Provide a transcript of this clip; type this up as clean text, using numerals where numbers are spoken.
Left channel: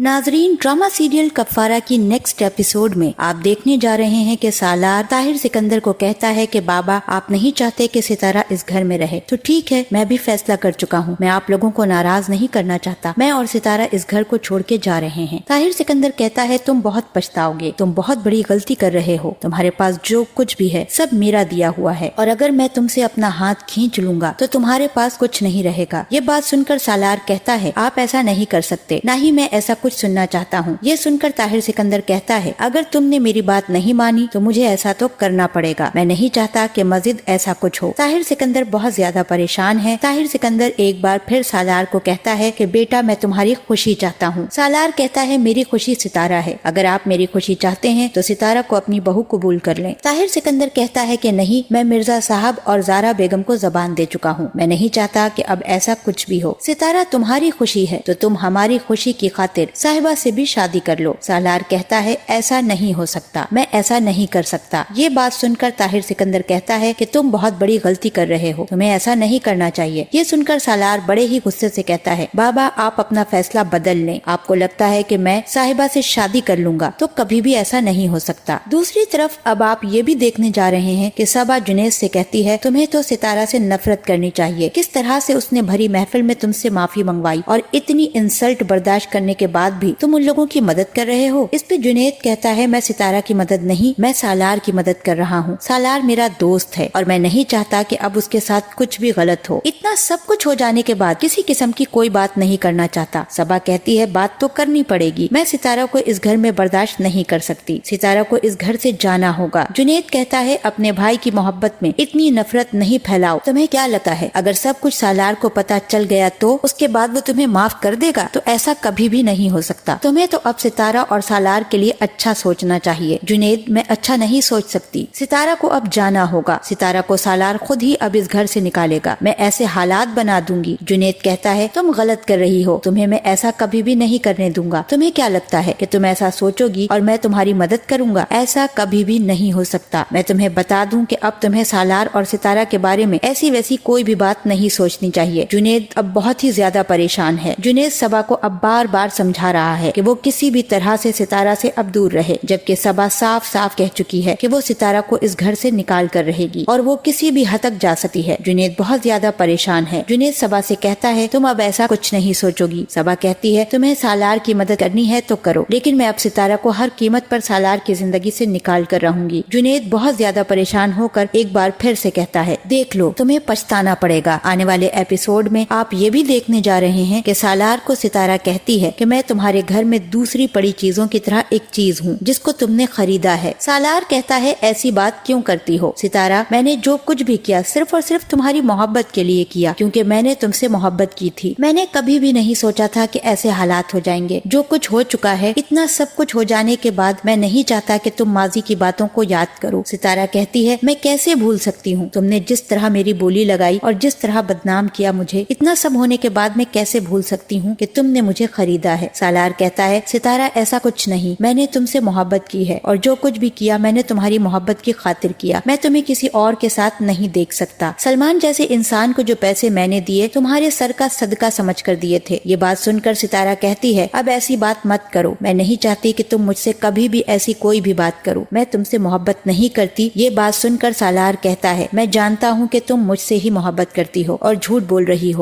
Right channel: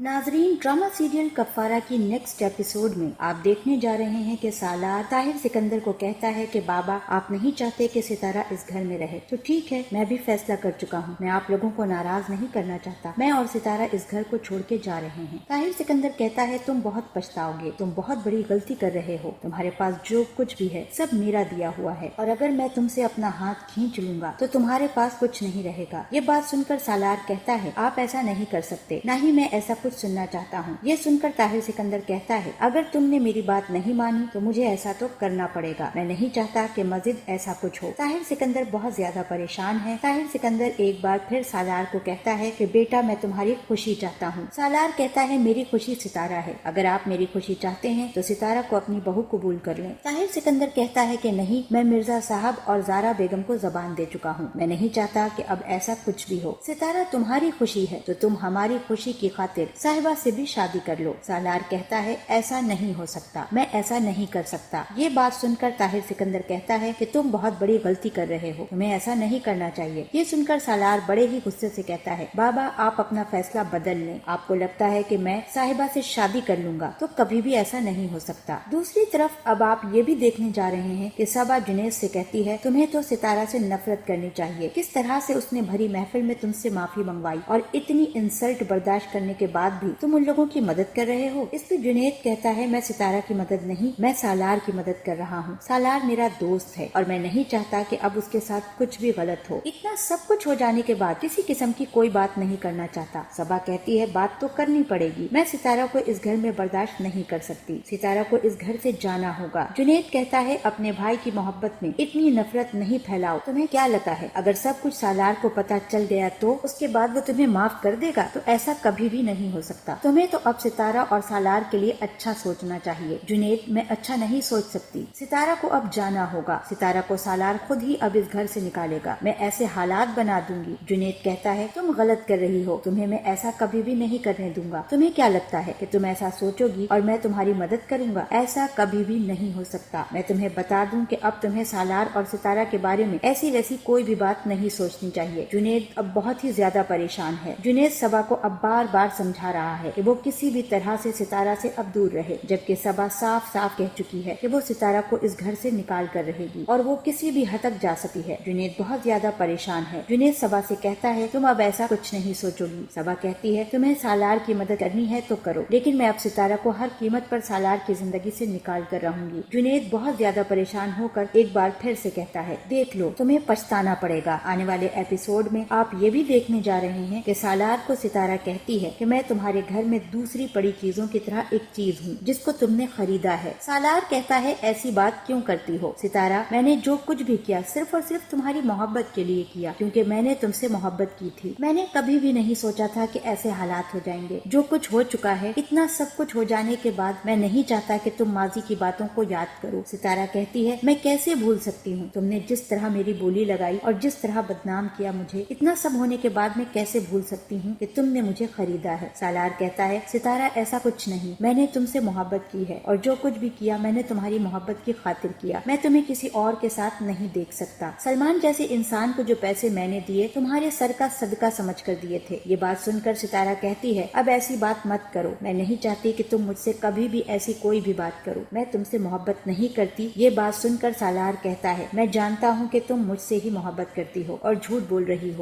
नाजरीन, drama serial कफारा की next episode में आप देखने जा रहे हैं कि सालार ताहिर सिकंदर को कहता है कि बाबा आप नहीं चाहते कि सितारा इस घर में रहे तो ठीक है, मैं भी फैसला कर चुका हूँ, मैं आप लोगों को नाराज नहीं करना चाहता, मैं और सितारा इस घर को छोड़ के जा रहे हैं। ताहिर सिकंदर कहता है तुम बहुत पछताओगे, तुम बहुत बड़ी गलती कर रहे हो, तुम्हारे पास जो कुछ भी है सब मेरा दिया हुआ है और अगर मैं तुमसे अपना हाथ खींच लूंगा तो तुम्हारे पास कुछ नहीं रहेगा। ये बात सुनकर सालार कहता है आप ऐसा नहीं कर सकते, ना ही मैं ऐसा कुछ सुनना चाहता हूँ। ये सुनकर ताहिर सिकंदर कहता है अगर तुमने मेरी बात नहीं मानी तो मुझे ऐसा तो करना पड़ेगा, मैं नहीं चाहता कि मजीद ऐसा कुछ हो। ताहिर सिकंदर बहुत ज्यादा परेशान है। ताहिर सिकंदर एक बार फिर सालार को कहता है कि बेटा मैं तुम्हारी खुशी चाहता हूँ। सालार कहता है मेरी खुशी सितारा है, अगर आप मेरी खुशी चाहते हैं तो सितारा को अपनी बहू कबूल कर लें। ताहिर सिकंदर कहता है कि नहीं, मैं मिर्जा साहब और ज़ारा बेगम को जबान दे चुका हूँ, मैं नहीं चाहता कि अब ऐसा कुछ भी हो। सितारा तुम्हारी खुशी है तो तुम हमारी खुशी की खातिर साहिबा से भी शादी कर लो। सालार कहता है ऐसा नहीं हो सकता, मैं ऐसा नहीं कर सकता। ये बात सुनकर ताहिर सिकंदर कहता है कि तुम बहुत बड़ी गलती कर रहे हो, तुम्हें ऐसा नहीं करना चाहिए। ये सुनकर सालार बड़े ही गुस्से से कहता है बाबा आप अपना फैसला बदल लें, आपको लगता है कि मैं साहिबा से शादी कर लूंगा तो कभी भी ऐसा नहीं हो सकता। दूसरी तरफ अब आप ये भी देखने जा रहे हैं कि सबा जुनैद से कहती है तुम्हें तो सितारा से नफरत करनी चाहिए, किस तरह से उसने भरी महफिल में तुमसे माफी मंगवाई और इतनी इंसल्ट बर्दाश्त करने के बाद भी तुम उन लोगों की मदद कर रहे हो। इस पे जुनैद कहता है मैं सितारा की मदद नहीं, मैं सालार की मदद कर रहा हूँ। सालार मेरा दोस्त है और मैं नहीं चाहता कि अब उसके साथ कुछ भी गलत हो। इतना सब कुछ हो जाने के बाद किसी किस्म की कोई बात नहीं करना चाहता। सबा कहती है बात तो करनी पड़ेगी, मैं सितारा को इस घर में बर्दाश्त नहीं कर सकती, सितारा को इस घर से जाना होगा। जुनैद कहता है अपने भाई की मोहब्बत में इतनी नफरत नहीं फैलाओ, तुम्हें क्या लगता है अगर सब कुछ सालार को पता चल गया तो उसके बाद वो तुम्हें माफ कर देगा? तो ऐसा कभी भी नहीं हो सकता। तुम्हें तो अब सितारा और सालार के लिए अच्छा सोचना चाहिए। जुनैद मैं अच्छा नहीं सोच सकती, सितारा को अब जाना होगा, सितारा को सालार खुद ही अब इस घर से निकालेगा, मैं ऐसे हालात बना दूंगी। जुनैद कहता है तुम गलत कर रही हो, तुम्हें मैं ऐसा कभी भी नहीं करने दूंगा। तुम्हें क्या लगता है कि तुम ऐसा सोचोगी और मैं तुम्हारी मदद करूंगा? ऐसा कभी भी नहीं हो सकता। मैं तुम्हें बता दूं कि अब तुम्हें सालार और सितारा के बारे में ऐसी वैसी कोई भी बात नहीं सोचनी चाहिए। जुनैद अब बहुत ही ज्यादा परेशान है। जुनैद सबा को अब बार बार समझा रहा है कि वो किसी भी तरह से सितारा से अब दूर रहे, जबकि सबा साफ साफ कह चुकी है कि वो सितारा को इस घर से निकाल कर रहेगी और वो किसी भी हद तक जा सकती है। जुनैद बहुत ज्यादा परेशान है। जुनैद सबा से कहता है तुम अब ऐसा कुछ नहीं सोचोगी। सबा कहती है तुम्हें सालार की मदद करनी है तो करो, लेकिन मैं अब सितारा को हर कीमत पर सालार की जिंदगी से निकाल कर रहूंगी। जुनैद बहुत ज्यादा परेशान होकर एक बार फिर से कहता है देख लो, तुम्हें पछताना पड़ेगा। आने वाले एपिसोड में आप ये भी देखने जा रहे हैं कि सालार को सितारा कहती है कि मैं तुम्हारे घर में दूसरी पड़ी चीजों की तरह एक चीज हूँ जिसको तुमने खरीदा है। सालार कहता है ऐसी बात क्यों करती हो सितारा, मैंने जो कुछ भी किया सिर्फ और सिर्फ तुम्हारी मोहब्बत के लिए किया, क्योंकि मैंने तुमसे मोहब्बत की थी। मैंने कभी भी नहीं सोचा था कि ऐसे हालात हो जाएंगे। जो कुछ हो चुका है, इतना सब कुछ हो जाने के बाद मैं नहीं चाहता कि तुम माजी की बातों को याद करो। सितारा कहती है मैं कैसे भूल सकती हूँ, तुमने जिस तरह मेरी बोली लगाई और जिस तरह बदनाम किया मुझे, इतना सब होने के बाद मैं कैसे भूल सकती हूँ कि तुमने मुझे खरीदा है। सालार कहता है सितारा ऐसा कुछ नहीं, मैंने तुमसे मोहब्बत की है और जो कुछ भी किया मैंने तुम्हारी मोहब्बत की खातिर किया। मैं तुम्हें किसी और के साथ नहीं देख सकता। सलमान जैसे इंसान को जो पैसे मैंने दिए तुम्हारे सर का सदका समझ कर दिए थे। ये बात सुनकर सितारा कहती है अब ऐसी बात मत करो, मैं नहीं चाहती कि तुम मुझसे कभी भी ऐसी कोई भी बात करो, मैं तुमसे मोहब्बत नहीं करती। ये बात सुनकर सालार कहता है मैं जानता हूँ कि तुम मुझसे ही मोहब्बत करती हो और झूठ बोल रही हो।